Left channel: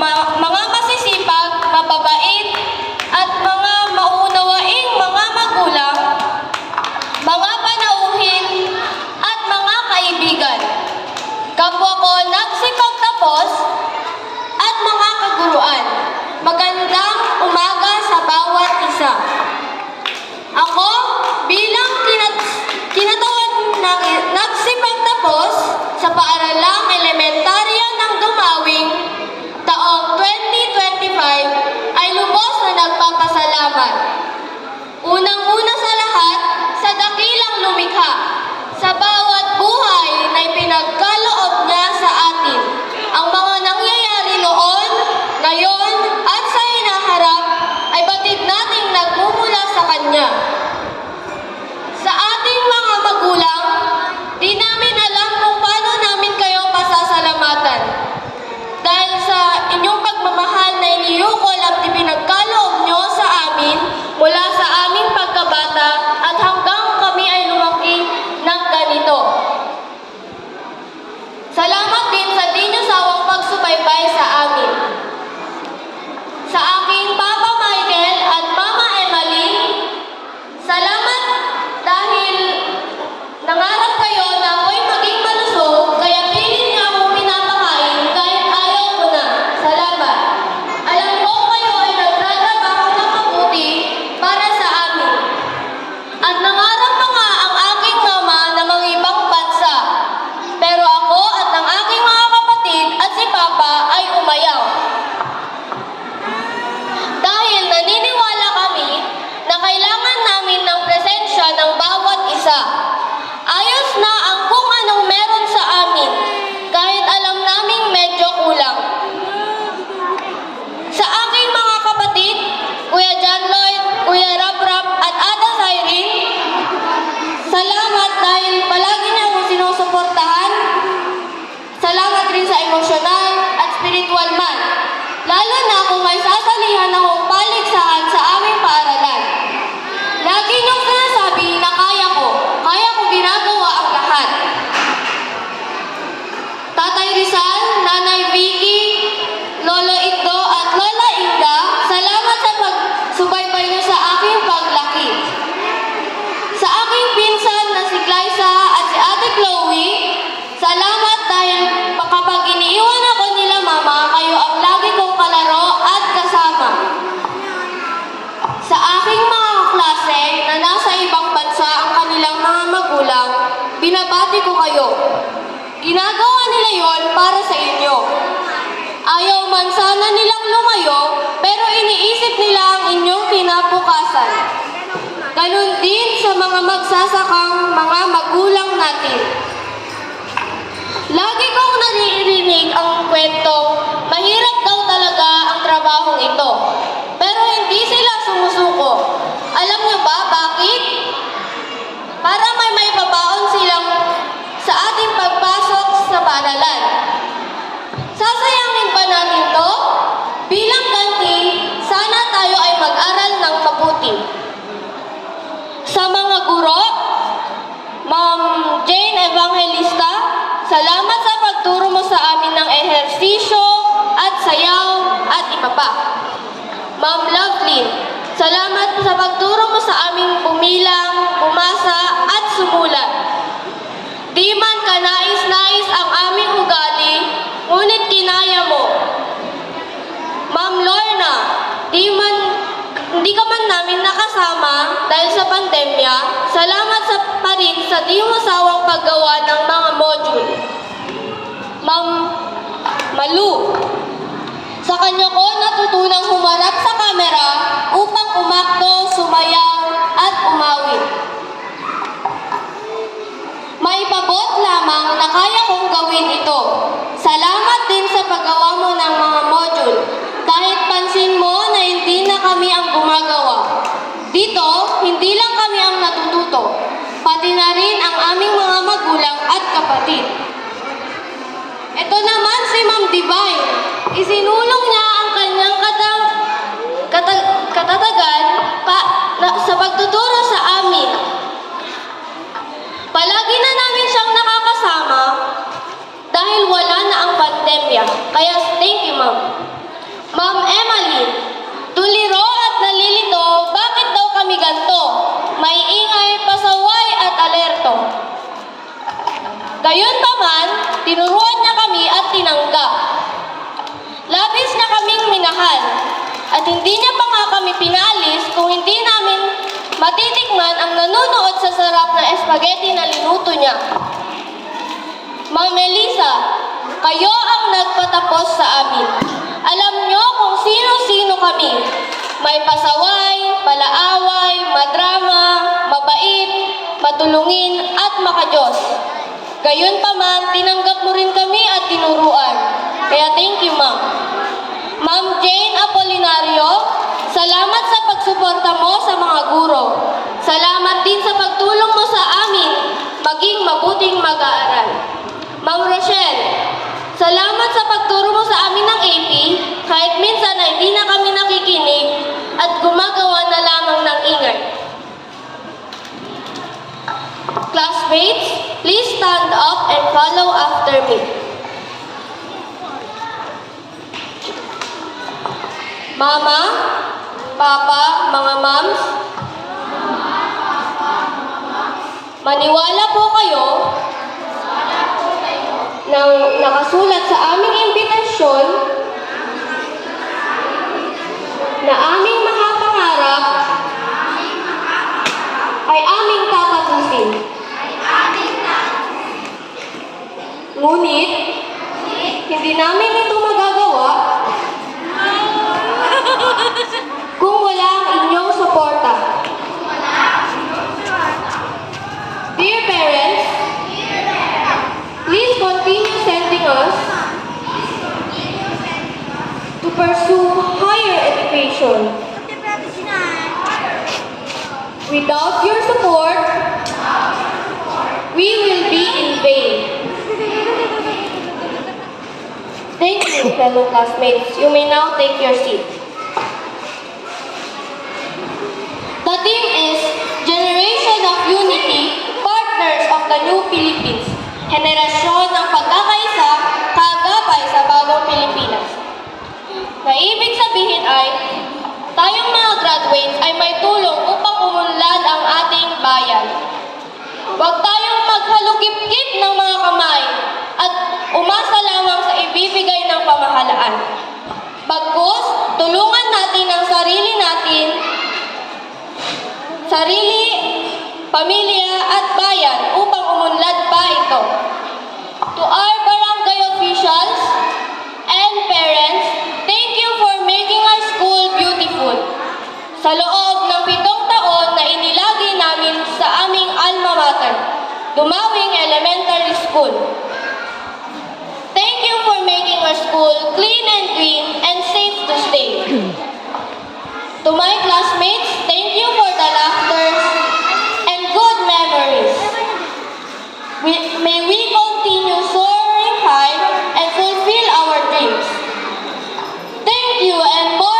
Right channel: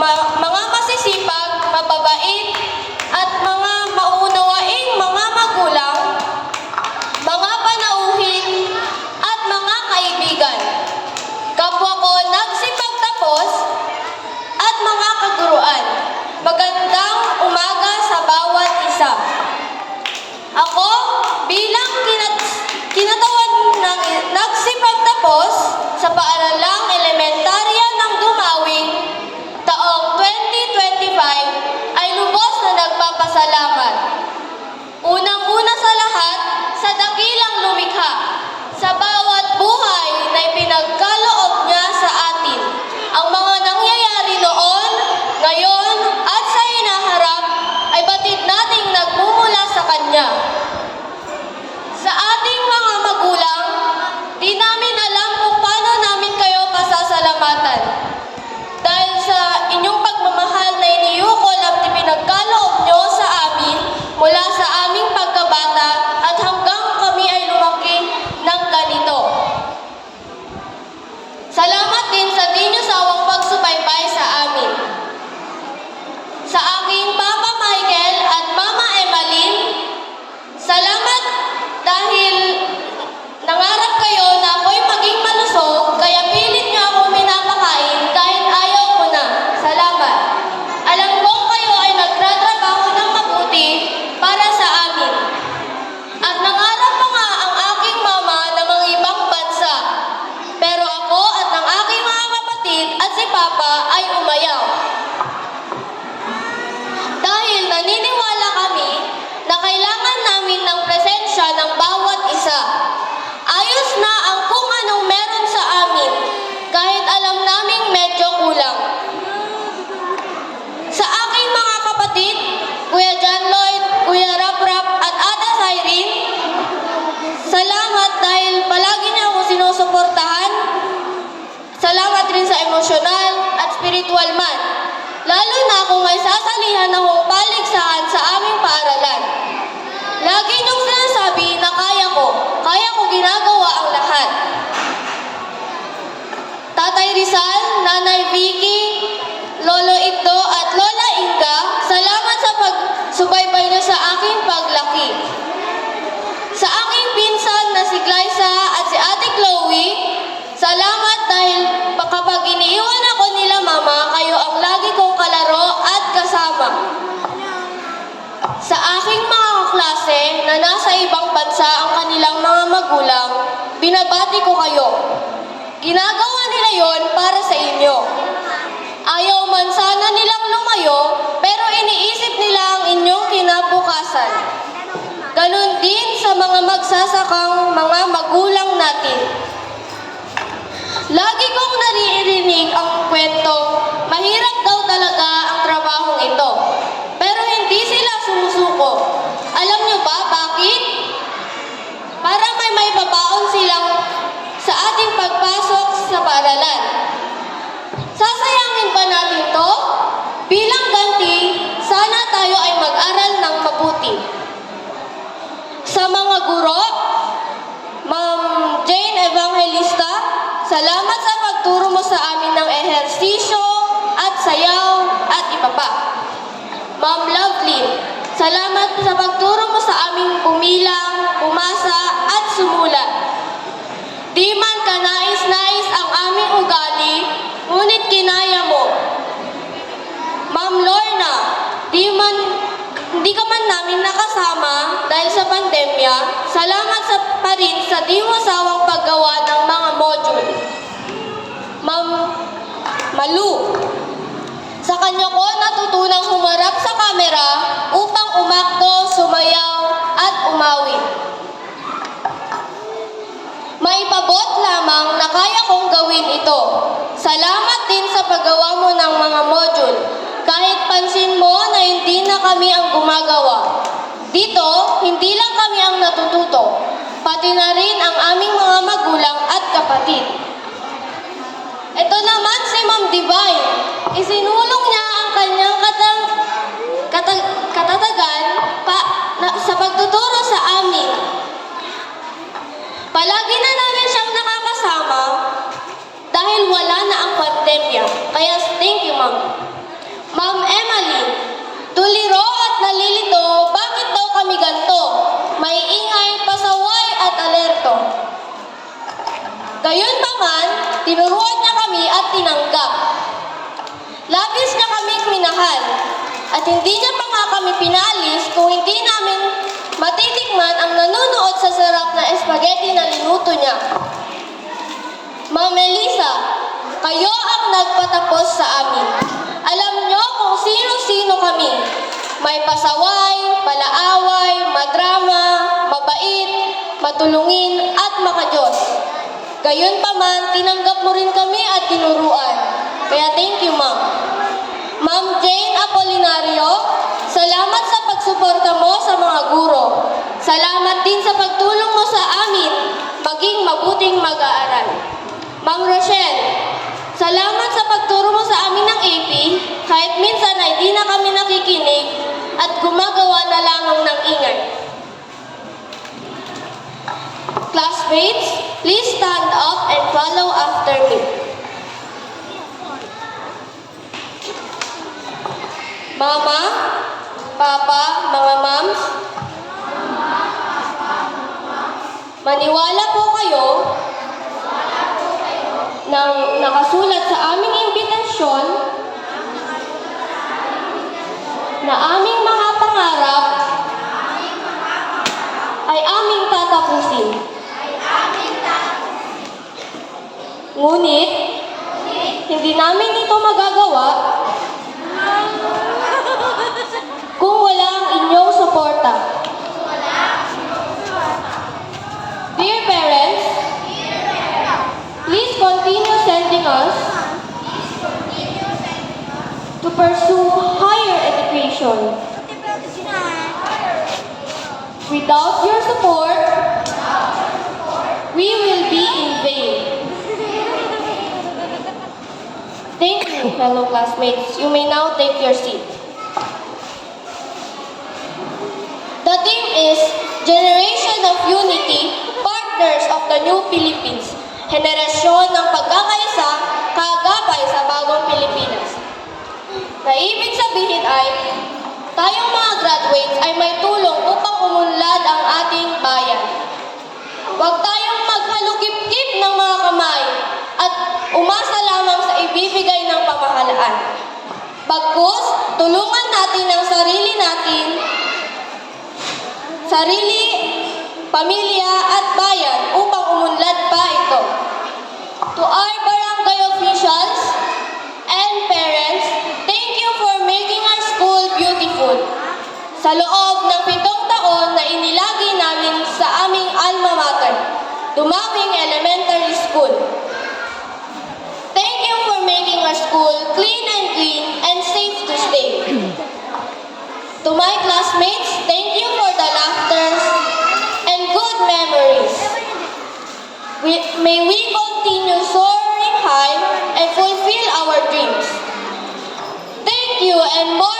mga masisipag, mababait, at mga mauunawaing mga magulang, mga panauhin, at mga kaibigan. Kapwa ko nagsipagtapos at mga kaguruan. Magandang umaga sa bawat isa. Ako, bilang kinatawan ng nagsipagtapos sa paaralang elementarya ng Dumawing taong 2025 ay lubos na nagpapasalamat. Unang-una sa lahat, sa dakilang lumikha, sa bawat buhay na ipinagkaloob niya sa atin. Ang mga nangyayari noon, ngayon, at sa hinaharap ay batid nating nagmumula sa Kanya. Sa ating mga magulang, di namin alam kung paano namin kayo pasasalamatan. Dahil sa inyong pagmamahal na iniyukol at ipinagkaloob nyo sa amin mula sa aming pagkabata at hanggang kami ay lumaki ng ganito. Salamat din sa di nyo sawang pagsubaybay sa amin. Sa aking Papa Michael at Mama Emmeline, salamat dahil nangarap kayo na ako'y maging malusog, kaya pilit niyo akong pinapakain kahit ayaw ko na. Salamat. Alam ko kayo ay nagtratrabaho ng mabuti para sa amin. At nangarap pa nga ang aking mama na mangibang bansa. Pero ako at ang aking mga kapatid at si Papa ay umayaw. Dahil naniniwala kami na kailangan namin ng presensya ng bawat isa. Ayos na ang kung anong meron sa amin, kahit alam naming medyo kulang. Sa aking mga kapatid, Kuya John Lloyd, Kuya Rap at Ada Cyrene, salamat dahil palagi niya akong sinusuportahan. Salamat rin sa emosyonal at spiritual man. Lalo na kung may sasalihan akong paligsahan sa aming paaralan. Lagi niyong sinasabi na kaya ko ginagawa ang lahat. Tatay Rizal, Nanay Vicky, Lolo Igdo at Lola Inga, salamat sa pagsubaybay niyo sa aking paglaki. Sa aking pinsan na si Glyza at si Ate Chloe, salamat dahil kapag iniiwan ako nila mama, kayo ang lagi kong kalaro at kasama. Sa aking mga kaklase na nasa ibang bansa ang kanilang mga magulang, binabati ko kayo. Ginagawa nila yon para sa inyo. Ayaw man sana nilang lumayo, pero iniisip nila ang inyong kinabukasan. Ganon din sa mga magsasakang mga magulang natin. Lagi kong naririnig ang kwento, mahirap daw talaga ang trabahong ito. Pero hindi sila sumusuko. Alam niyo ba bakit? Para may babaon silang sa ating pagpasok sa paaralan. Sasayangin ba natin to? Bilang ganti, sana tayo ay mag-aral ng mabuti. Sa mga guro, Ma'am Jane Evangelista, salamat sa pagturo mo sa amin ng ehersisyo at sayaw at iba pa. Ma'am Loveline, salamat sa pagturo mo sa aming bumilang, bumasa at sumulat. Di man kanais-nais ang aming ugali, ngunit kinaya mo. Ma'am Lorna, hindi ka man namin nakasama dahil sa pandemya, salamat pa rin sa di mo sawang paggawa ng mga module. Ma'am Malu, sa kanya ko natutunang humarap sa kamera upang umakto, sumayaw at umawi. Maipabot lamang na kaya kong gawin ito. Salamat din sa paggawa mo ng mga module. Kahit pansin mo na hindi na kami ang gumagawa. Dito, hindi lang kami ang natututo, pati na rin ang aming mga magulang at kapatid. Ito naman si Ma'am Divine. Isinulong niya ang kanyang katatagan sa pagtuturo sa amin. Palagi na namin siyang nakakasama dahil wala na ang pandemya. Kaya thank you, Ma'am. Ma'am Emily, tuliro at nalilito, bakit daw kami ganto? May ingay, pasaway at alerto. Gayon pa man, tinuruan niya kami at tinanggap. Labis niya kaming minahal, at hindi niya pa nga kami pinalis kung hindi namin matitikman ang nanunood sa sarap na espaghetti na linuto niya. Ma'am Melissa, kayo ang nagpatapos sa amin. Alam niyo kung sino-sino kami. May pasaway, palaaway, madrama, mabait, matulungin at makajos. Gayon pa man, tinanggap mo rin kami at tinuruan. Kaya thank you, ma'am. Ma'am Jane Apolinario, salamat sa pagsuporta mo sa mga guro. Salamat din sa pagtulong mo sa amin maging mabuting mag-aaral. Ma'am Rochelle, salamat sa pagturo mo sa amin ng AP kahit minsan ay di na kami nakikinig at gumagawa na lamang ng ingay. Classmates, please stand up and follow after me. Mama, Papa, mga moms, maniwala po kayo nang nakasulat sa aming imbitasyon na aming mga pangarap ay aming tatapusin. Ngunit, hindi namin ito magagawa kung wala ang inyong suporta. Dear parents, please continue sending us to pursue higher education. Without your support, we will be in vain. Thank you, fellow classmates. You may now take your seat. The theme is Generation of Unity, Partners of the New Philippines. Henerasyon ng pagkakaisa, kagabay sa bagong Pilipinas. Na ibig sabihin ay, tayong mga graduates ay may tulong upang umunlad ang ating bayan. Huwag tayong maghalukip-kip ng mga kamay at umasa lamang sa ibibigay ng pamahalaan. Bagkus, tulungan natin ang sarili, pamilya at bayan upang umunlad pa ito. To our barangay officials and parents, thank you for making our school beautiful. Sa loob ng 7 taon na inilagi namin sa aming alma mater, Dumawing Elementary School. Thank you for making our school clean and green and safe to stay. To my classmates, thank you for the laughters and good memories. May we continue soaring high and fulfill our dreams. Thank you and more